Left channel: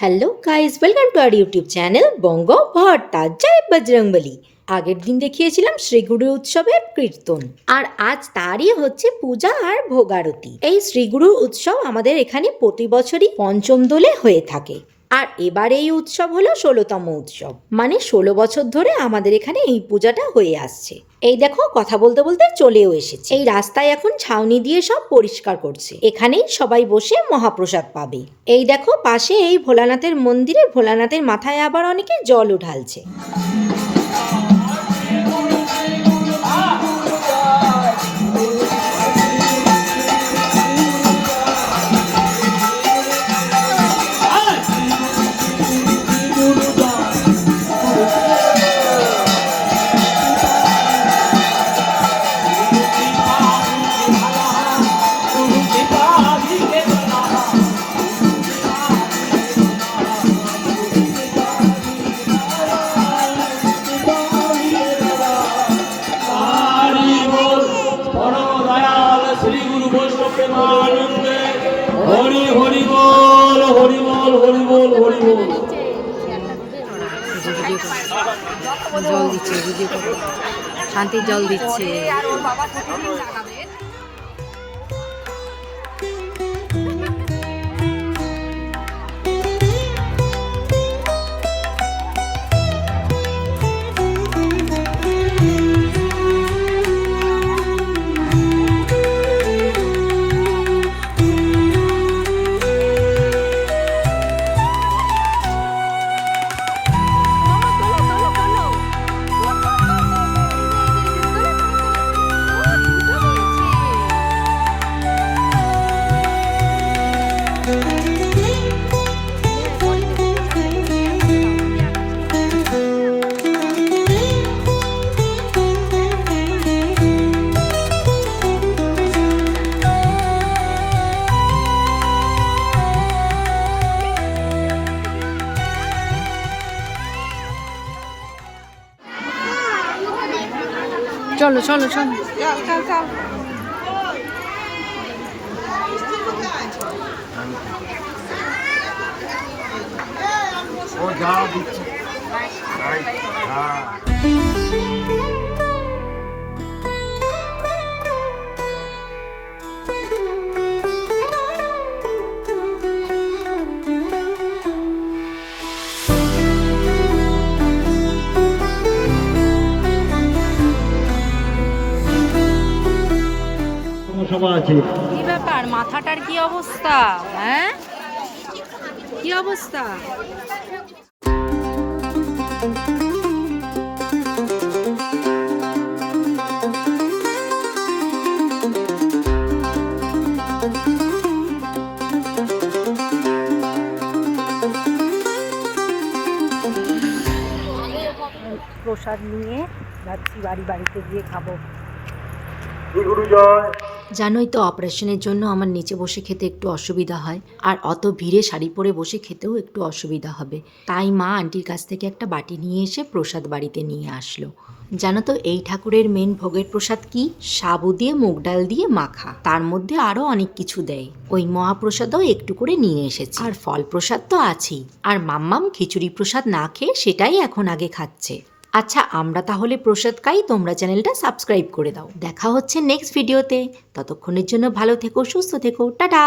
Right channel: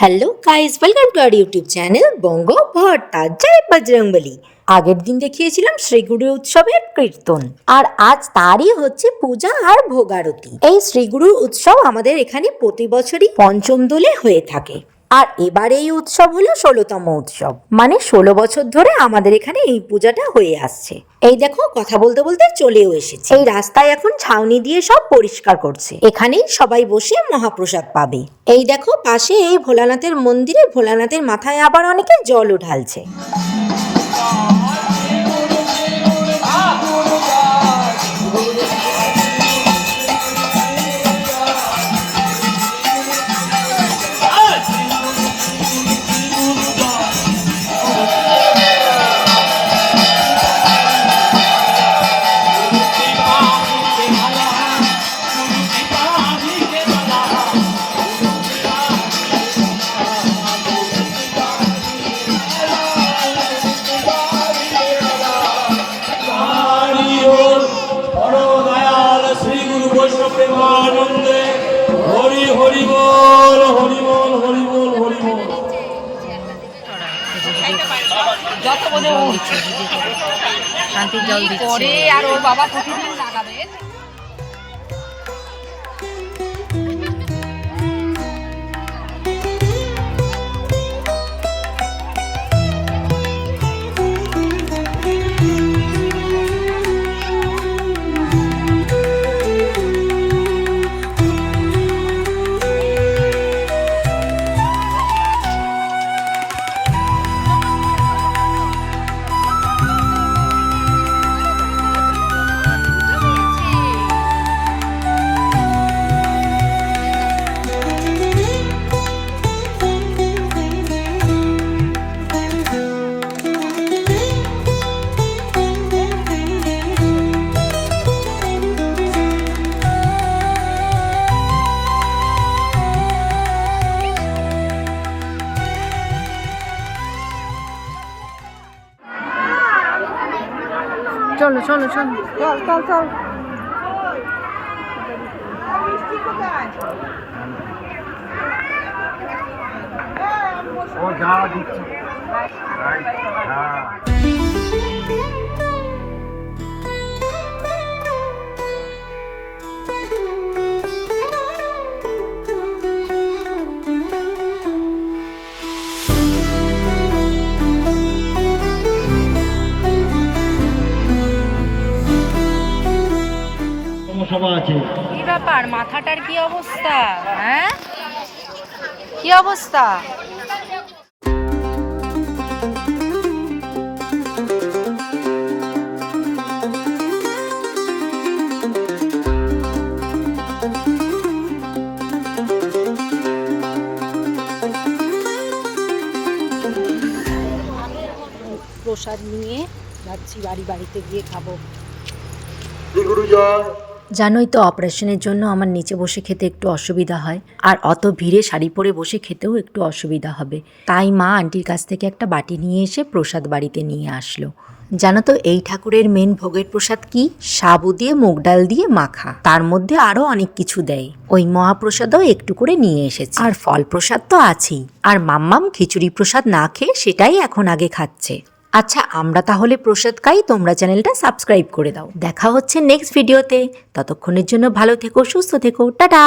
Hello guys welcome to our YouTube channel Banga Bharta জয় বজরংবলী আগের দিন দেখিয়েছিলাম শ্রীগুরু উৎসবের কীর্তন। আর আজ তারই হচ্ছে পূজা আর ভোগারতি। এই শ্রীগুরু উৎসব আমাদের এখানে প্রতি বছরই পঞ্চম দোলে হয়ে থাকে। আর এবার এই উৎসব হলো ষোলোতম উৎসব। মানে ষোলো বছর ধরে আমাদের এখানে এই পূজাটা হয়ে আসছে। এই দেখো, কথা বলতে বলতে চলেও এসেছে। এই রাস্তায় এখন ছাউনি দিয়ে সব পরিষ্কার করছে। এখানেই সবাই বসে মহাপ্রসাদ পাবে। এই দেখো, পাশে এই ভোলানাথের মন্দিরে ভোলানাথের মাথায় আবার অনেকে জল ঢালছে। হরি হরিবল হরিবল হরিবল হরি বল। জল দিচ্ছে শান্তির জল দিচ্ছে। চলো চলো চলো। চল ও যা দিচ্ছে। হ্যাঁ। সভা আছে। কি ব্যাপার? মাথাটার কি অবস্থা? হ্যাঁ? কি অবস্থা? প্রসাদ নিয়ে যাচ্ছি বাড়ি বাড়িতে গিয়ে খাব। গুরু জয় জানোই তো অপারেশনের জন্য আমার নিচে বসে খেতে একটু অসুবিধা হয়, আর অত ভিড়ে শাড়ি পরে বসে খেতেও একটু অসুবিধা হবে। তাই মা আন্টির কাছ থেকে একটা বাটি নিয়ে এসে প্রসাদ বাড়িতে নিয়ে আসলো। জানো তো এই ঠাকুরের মেন ভোগের প্রসাদ কি? সাবু দিয়ে, মুগ ডাল দিয়ে মাখা। তার মধ্যে আরও অনেক কিছু দেয়। ওই মহাপ্রসাদও একটু করে নিয়ে এসেছে। আর ফল প্রসাদ তো আছেই। আর মাম্মাম খিচুড়ি প্রসাদ না খেয়ে সেটাই এখন আগে খাচ্ছে। আচ্ছা আমরা তাহলে প্রসাদ খাই, তোমরা চ্যানেলটা সাবস্ক্রাইব করে দাও। দেখা হচ্ছে নেক্সট ভিডিওতে ততক্ষণের জন্য ভালো থেকো, সুস্থ থেকো। টাটা!